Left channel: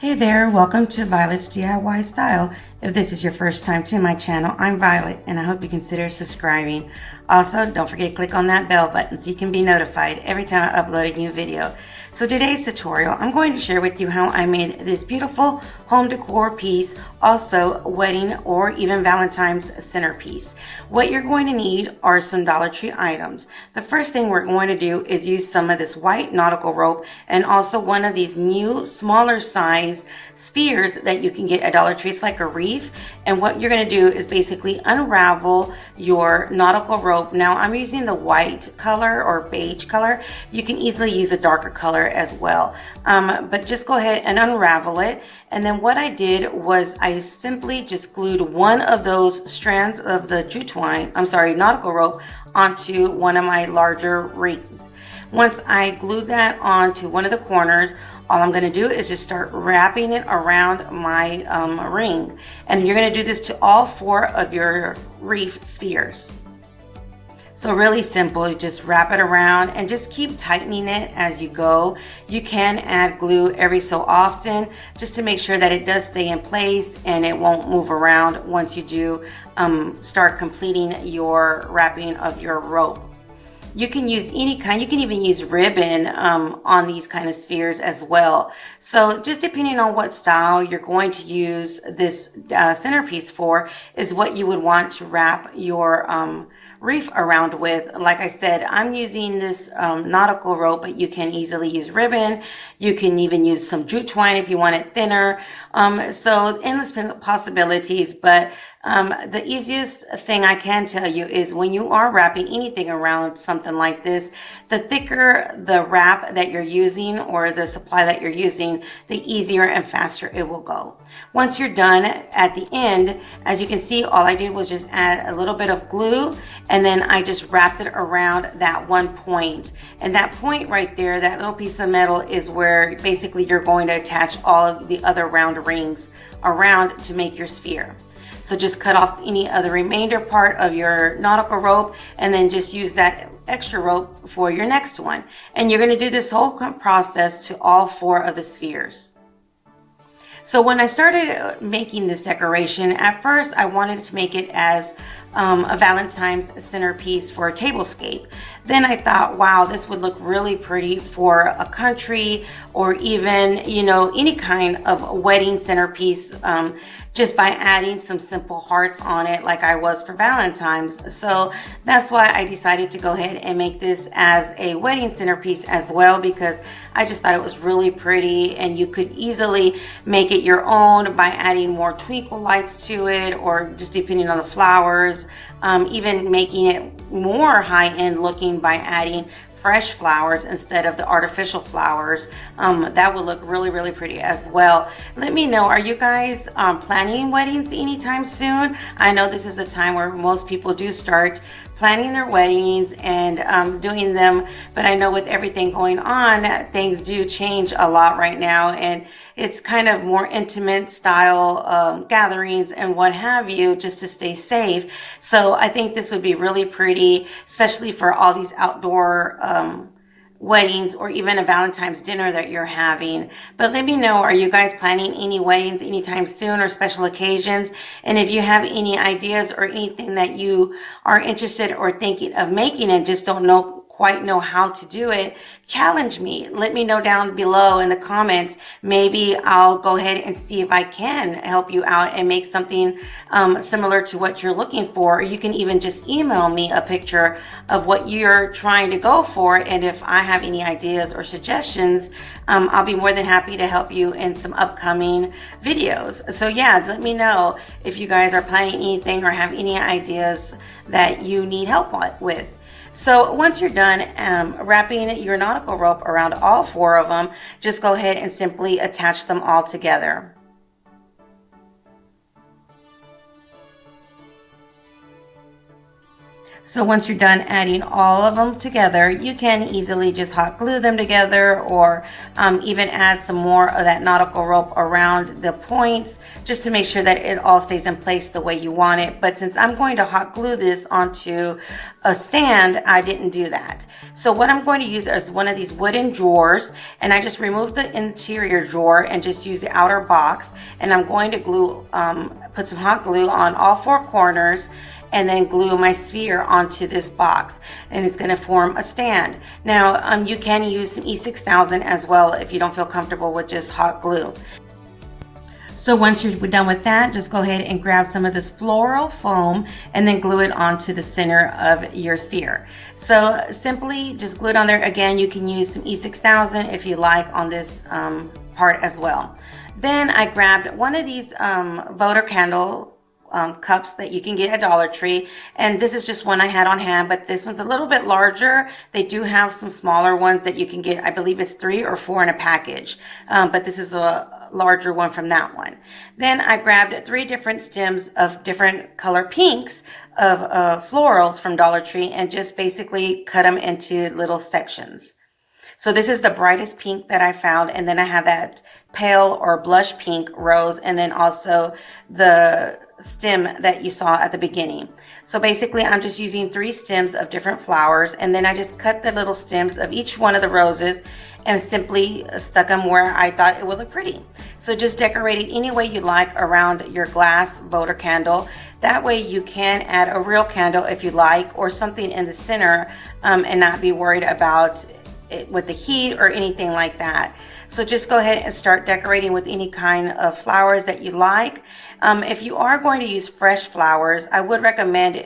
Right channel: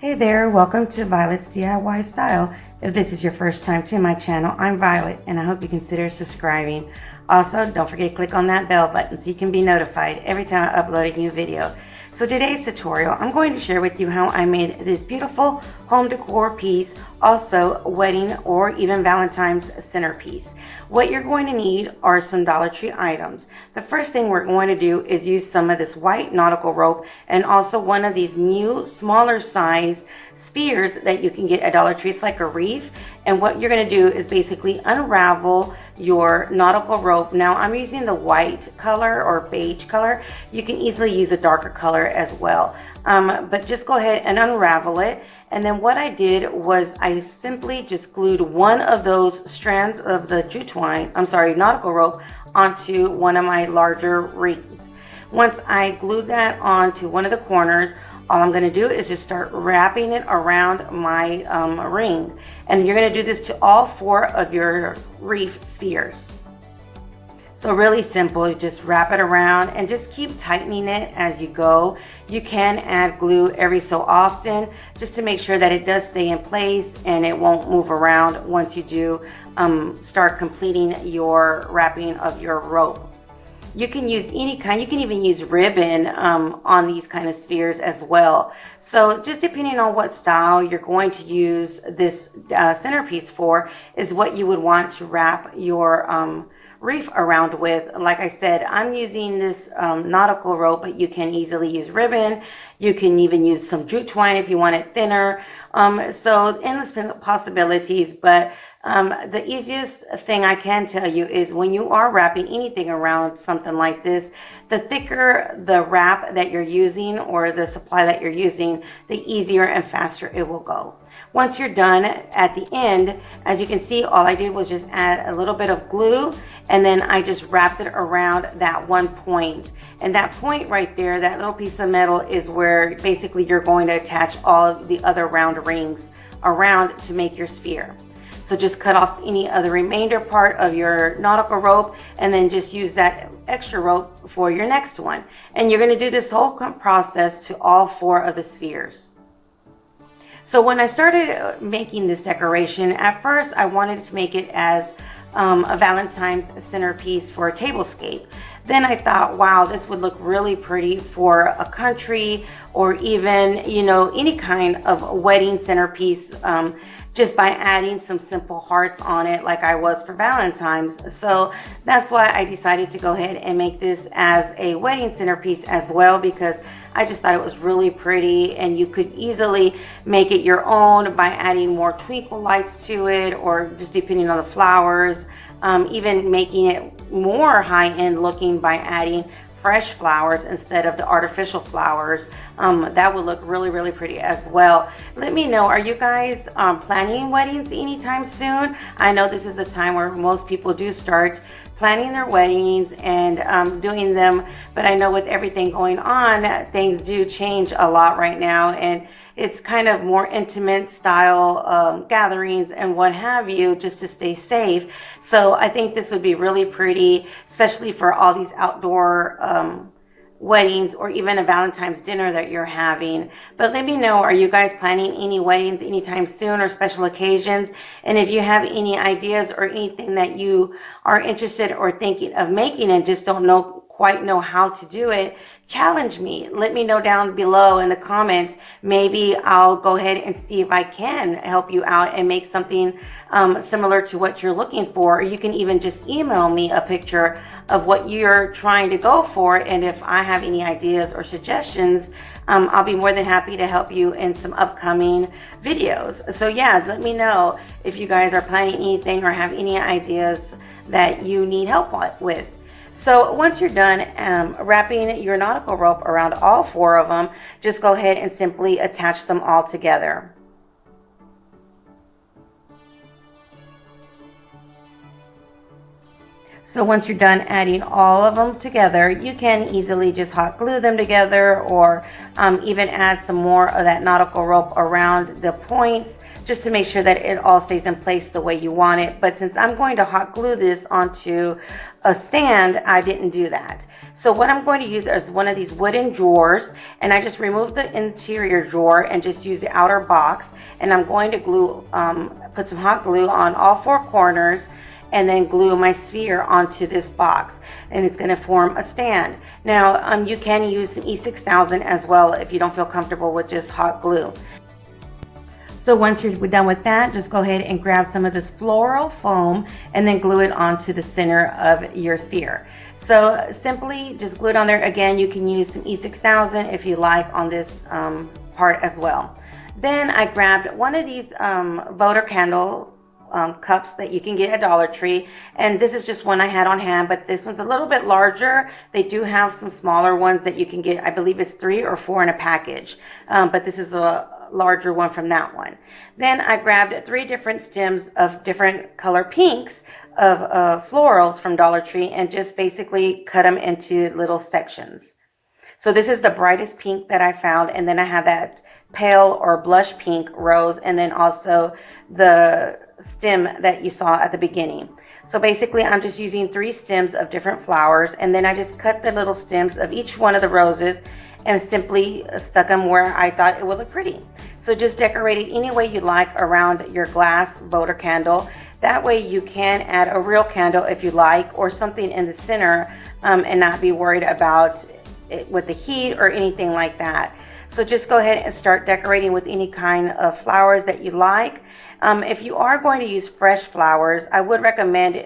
Hey there, welcome to Violet's DIY Style. If this is your first time to my channel, I'm Violet and I hope you consider subscribing. Also, don't forget to click on that bell button so you can be notified every time I upload a new video. So today's tutorial, I'm going to share with you how I made this beautiful home decor piece, also wedding or even Valentine's centerpiece. What you're going to need are some Dollar Tree items. The first thing we're going to do is use some of this white nautical rope and also one of these new smaller size spheres that you can get at Dollar Tree. It's like a wreath, and what you're going to do is basically unravel your nautical rope. Now I'm using the white color or beige color. You can easily use a darker color as well, but just go ahead and unravel it. And then what I did was I simply just glued one of those strands of the nautical rope onto one of my larger wreaths. Once I glue that onto one of the corners, all I'm going to do is just start wrapping it around my ring. And you're going to do this to all four of your wreath spheres. So really simple, you just wrap it around and just keep tightening it as you go. You can add glue every so often just to make sure that it does stay in place and it won't move around once you do start completing your wrapping of your rope. You can use any kind, you can even use ribbon on these kind of spheres as well. So just depending on what style you're going to use this centerpiece for is what you would want to wrap your wreath around with. Like I said, I'm using this nautical rope, but you can easily use ribbon. You can even use some jute twine if you want it thinner. So endless possibilities, but the easiest thing I can tell you is when you are wrapping anything around something like this, the thicker the wrap that you're using or the supply that you're using, the easier and faster it will go. Once you're done at the end, as you can see, all I did was just add a little bit of glue and then I just wrapped it around that one point. And that point right there, that little piece of metal is where basically you're going to attach all of the other round rings around to make your sphere. So just cut off any of the remainder part of your nautical rope and then just use that extra rope for your next one. And you're going to do this whole process to all four of the spheres. So when I started making this decoration, at first I wanted to make it as a Valentine's centerpiece for a tablescape. Then I thought, wow, this would look really pretty for a country or even, you know, any kind of wedding centerpiece, just by adding some simple hearts on it like I was for Valentine's. So that's why I decided to go ahead and make this as a wedding centerpiece as well, because I just thought it was really pretty and you could easily make it your own by adding more twinkle lights to it or just depending on the flowers, even making it more high-end looking by adding fresh flowers instead of the artificial flowers. That would look really, really pretty as well. Let me know, are you guys planning weddings anytime soon? I know this is a time where most people do start planning their weddings and doing them, but I know with everything going on, things do change a lot right now, and it's kind of more intimate style gatherings and what have you, just to stay safe. So I think this would be really pretty, especially for all these outdoor weddings or even a Valentine's dinner that you're having. But let me know, are you guys planning any weddings anytime soon or special occasions? And if you have any ideas or anything that you are interested or thinking of making and just don't quite know how to do it, challenge me. Let me know down below in the comments. Maybe I'll go ahead and see if I can help you out and make something similar to what you're looking for. Or you can even just email me a picture of what you're trying to go for, and if I have any ideas or suggestions, I'll be more than happy to help you in some upcoming videos. So yeah, let me know if you guys are planning anything or have any ideas that you need help with. So once you're done wrapping your nautical rope around all four of them, just go ahead and simply attach them all together. So once you're done adding all of them together, you can easily just hot glue them together, or even add some more of that nautical rope around the points just to make sure that it all stays in place the way you want it. But since I'm going to hot glue this onto a stand, I didn't do that. So what I'm going to use is one of these wooden drawers, and I just removed the interior drawer and just use the outer box, and I'm going to glue, put some hot glue on all four corners, and then glue my sphere onto this box, and it's going to form a stand. Now you can use some E6000 as well if you don't feel comfortable with just hot glue. So once you're done with that, just go ahead and grab some of this floral foam and then glue it onto the center of your sphere. So simply just glue it on there. Again, you can use some E6000 if you like on this part as well. Then I grabbed one of these votive candle cups that you can get at Dollar Tree, and this is just one I had on hand, but this one's a little bit larger. They do have some smaller ones that you can get. I believe it's 3 or 4 in a package, but this is a larger one from that one. Then I grabbed 3 different stems of different color pinks of florals from Dollar Tree, and just basically cut them into little sections. So this is the brightest pink that I found, and then I have that pale or blush pink rose, and then also the stem that you saw at the beginning. So basically I'm just using 3 stems of different flowers, and then I just cut the little stems of each one of the roses and simply stuck them where I thought it would look pretty. So just decorate it any way you like around your glass votive candle. That way you can add a real candle if you like, or something in the center, and not be worried about it with the heat or anything like that. So just go ahead and start decorating with any kind of flowers that you like. If you are going to use fresh flowers, I would recommend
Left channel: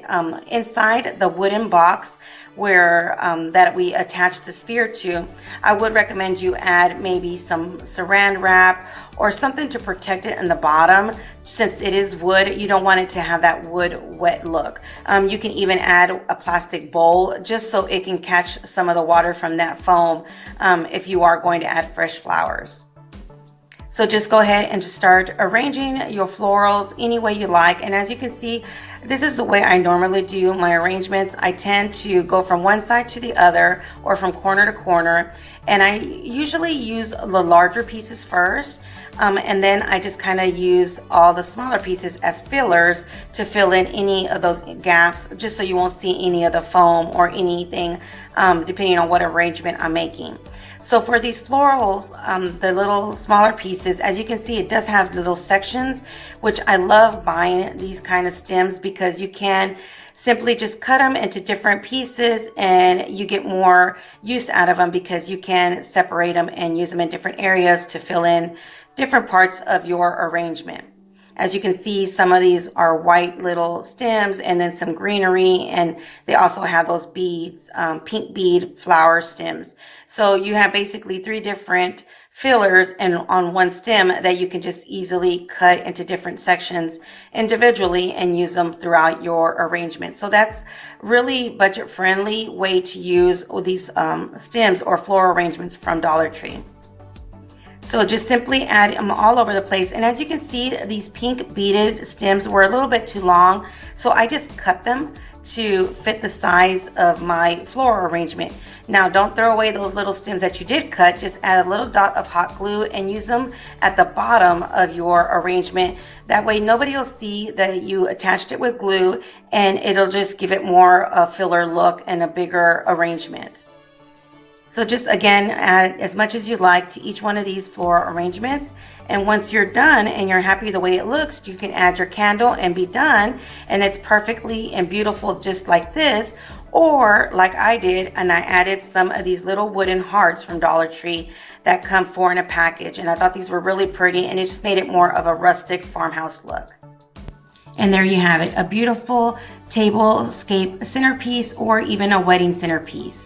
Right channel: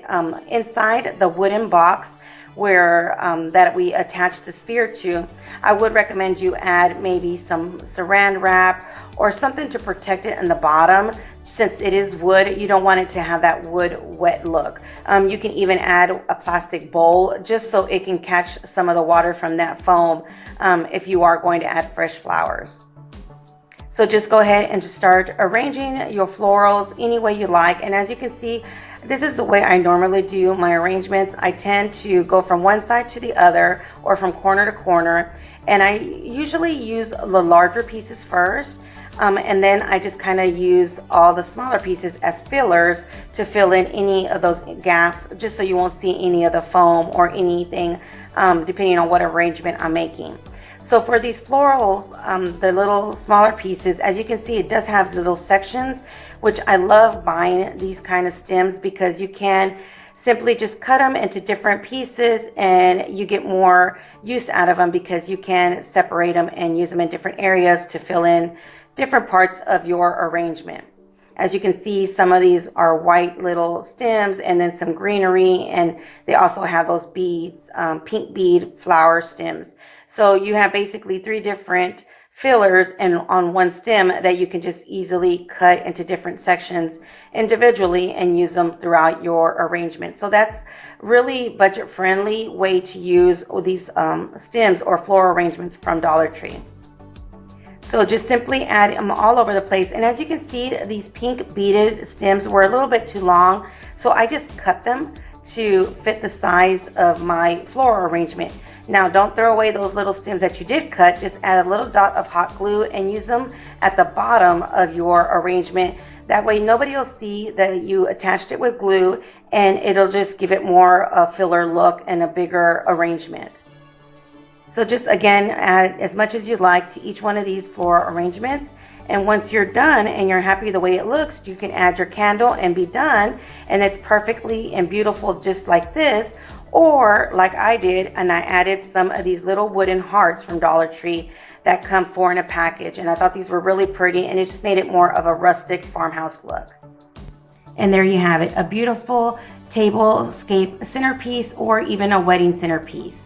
inside the wooden box where that we attach the sphere to, I would recommend you add maybe some saran wrap or something to protect it in the bottom. Since it is wood, you don't want it to have that wood wet look. You can even add a plastic bowl just so it can catch some of the water from that foam if you are going to add fresh flowers. So just go ahead and just start arranging your florals any way you like. And as you can see, this is the way I normally do my arrangements. I tend to go from one side to the other, or from corner to corner, and I usually use the larger pieces first, and then I just kind of use all the smaller pieces as fillers to fill in any of those gaps, just so you won't see any of the foam or anything, depending on what arrangement I'm making. So for these florals, the little smaller pieces, as you can see, it does have little sections, which I love buying these kind of stems because you can simply just cut them into different pieces and you get more use out of them because you can separate them and use them in different areas to fill in different parts of your arrangement. As you can see, some of these are white little stems and then some greenery, and they also have those beads, pink bead flower stems. So you have basically 3 different fillers and on one stem that you can just easily cut into different sections individually and use them throughout your arrangement. So that's really budget friendly way to use these stems or floral arrangements from Dollar Tree. So just simply add them all over the place. And as you can see, these pink beaded stems were a little bit too long, so I just cut them to fit the size of my floral arrangement. Now don't throw away those little stems that you did cut. Just add a little dot of hot glue and use them at the bottom of your arrangement. That way nobody will see that you attached it with glue, and it'll just give it more a filler look and a bigger arrangement. So just again, add as much as you like to each one of these floral arrangements. And once you're done and you're happy the way it looks, you can add your candle and be done. And it's perfectly and beautiful just like this. Or like I did, and I added some of these little wooden hearts from Dollar Tree that come 4 in a package. And I thought these were really pretty, and it just made it more of a rustic farmhouse look. And there you have it, a beautiful tablescape centerpiece or even a wedding centerpiece.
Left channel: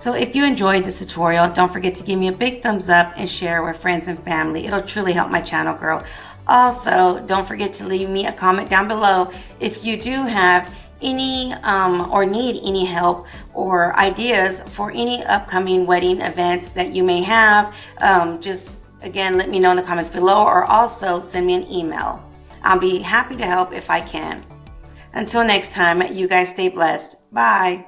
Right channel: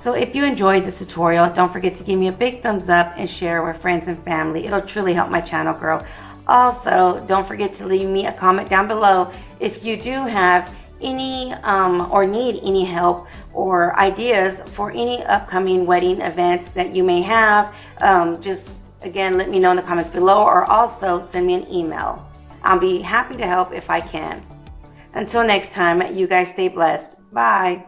So if you enjoyed this tutorial, don't forget to give me a big thumbs up and share with friends and family. It'll truly help my channel grow. Also, don't forget to leave me a comment down below if you do have any or need any help or ideas for any upcoming wedding events that you may have. Just again, let me know in the comments below, or also send me an email. I'll be happy to help if I can. Until next time, you guys stay blessed. Bye.